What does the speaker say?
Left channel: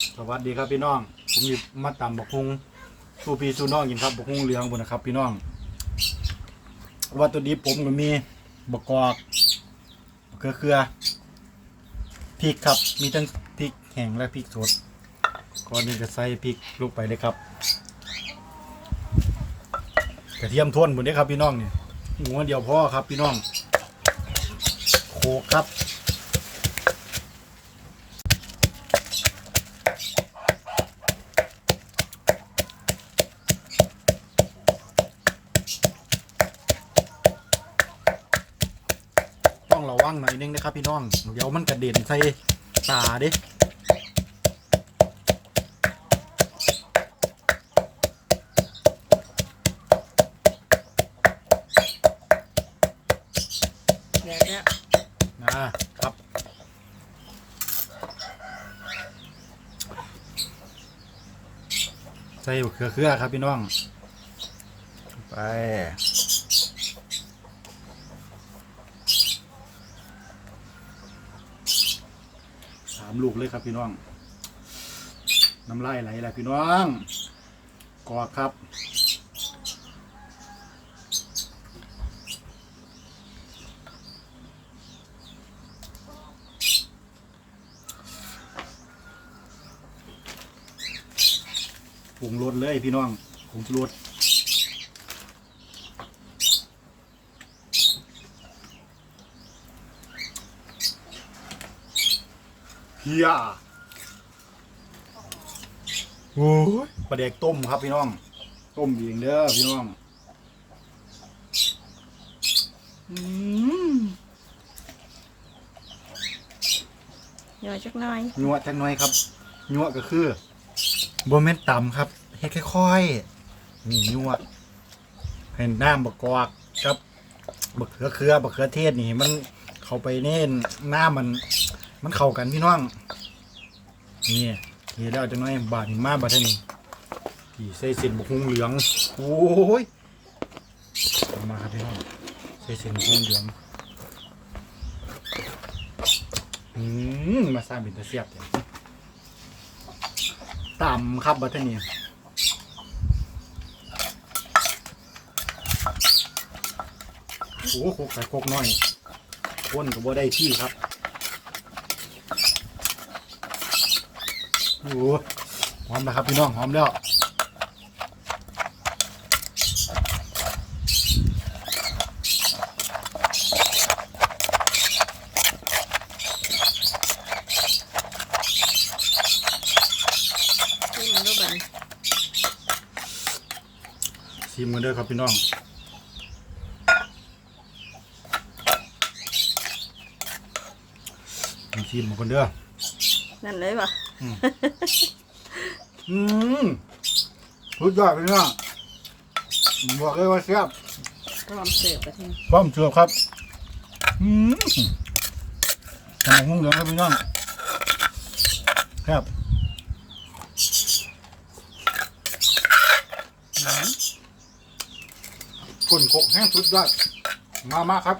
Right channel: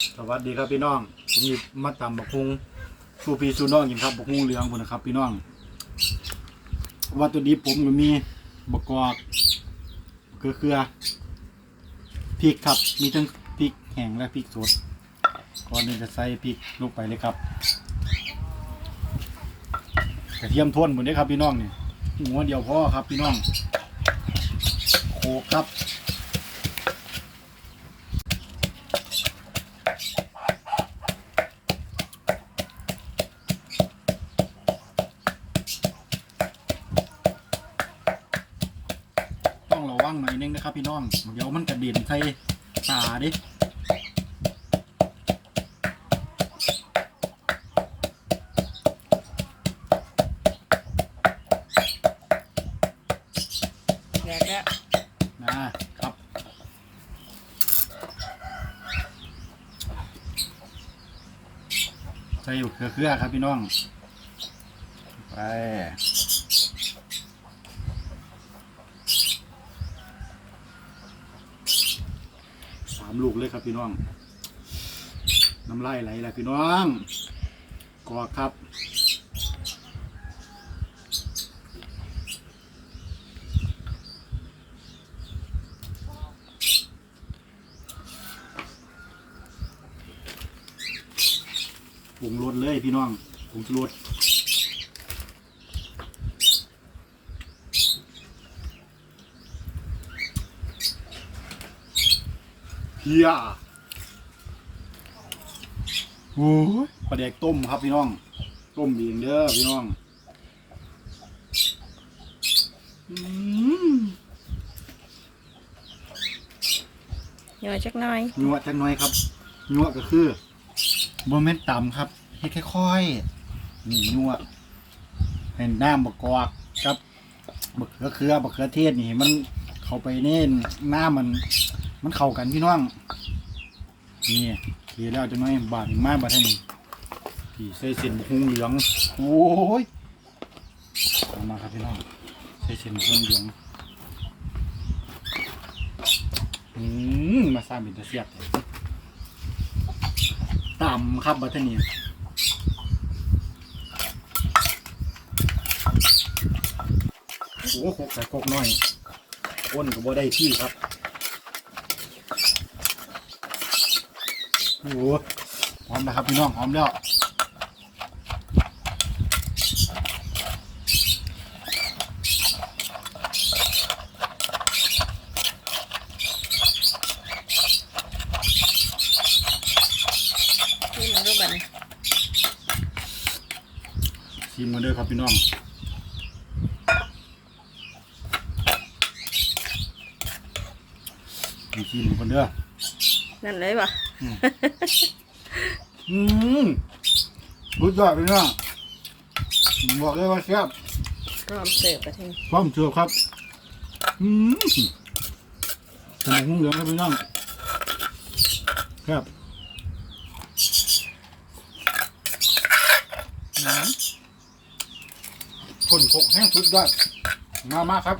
สวัสดีครับพี่น้อง ผมมีมาตำบักฮุงสูพี่สูน้องกินครับบักฮุงเหลืองบนนะครับ พี่น้อง วัตถุดิบผมก็มีบักกอกเกลือเกลือพริกครับ มีทั้งพริกแห้งและพริกสดก่อนนี้จะใส่พริกลงไปเลยครับกระเทียมท่วนหมดเลยครับพี่น้องนี่หัวเดียวพอครับพี่น้อง โขกครับ ต้องระ วังหน่อยนึงนะครับพี่น้อง เดี๋ยวมันกระเด็นใส่ตาเด้แยกแล้วนะครับ ใส่เครือเครือครับพี่น้อง ไป สาม ลูกเลยครับพี่น้อง น้ำลายไหลแล้วพี่น้องกอครับผงรสเลยพี่น้องผงชูรส เฮียโอ้ยปลาแดกต้มครับพี่น้อง ต้มเองเด้อพี่น้องอืมย่อยจักหน่อยนัวจังน้อยครับนัวก็คือบ่แม่นต่ำครับเฮ็ดค่อยๆนี่นัวให้น้ำบักกอกครับบักเขือเขือบักเขือเทศนี่ มันเข้าไปเน่นน้ำมัน มันเข้ากันพี่น้องนี่เขียแล้วจังน้อยบาดนี่มาบาดเท่านี้พี่ใส่เส้นบักฮุงเหลืองโอ้ยเอามาครับพี่น้องใส่เส้นบักฮุงเหลืองอืมมาสร้างเป็นตะเสียบต่ำครับบาดเท่านี้โอ้โหกใส่โคกน้อยคนก็บ่ได้ที่ครับ โอ้โหหอมแล้วครับพี่น้องหอมแล้วที่มันรูปแบบชิมกันเด้อครับพี่น้องมีชิมคนเด้อ นั่นเลยป่ะอืมรู้จักพี่น้องบอกเลยว่าแซ่บพร้อมเสิร์ฟไปทีพร้อมเชือครับ อืมขนมหุ้งเหลืองครับพี่น้องครับคนโคกแห้งสุดยอดมามาครับ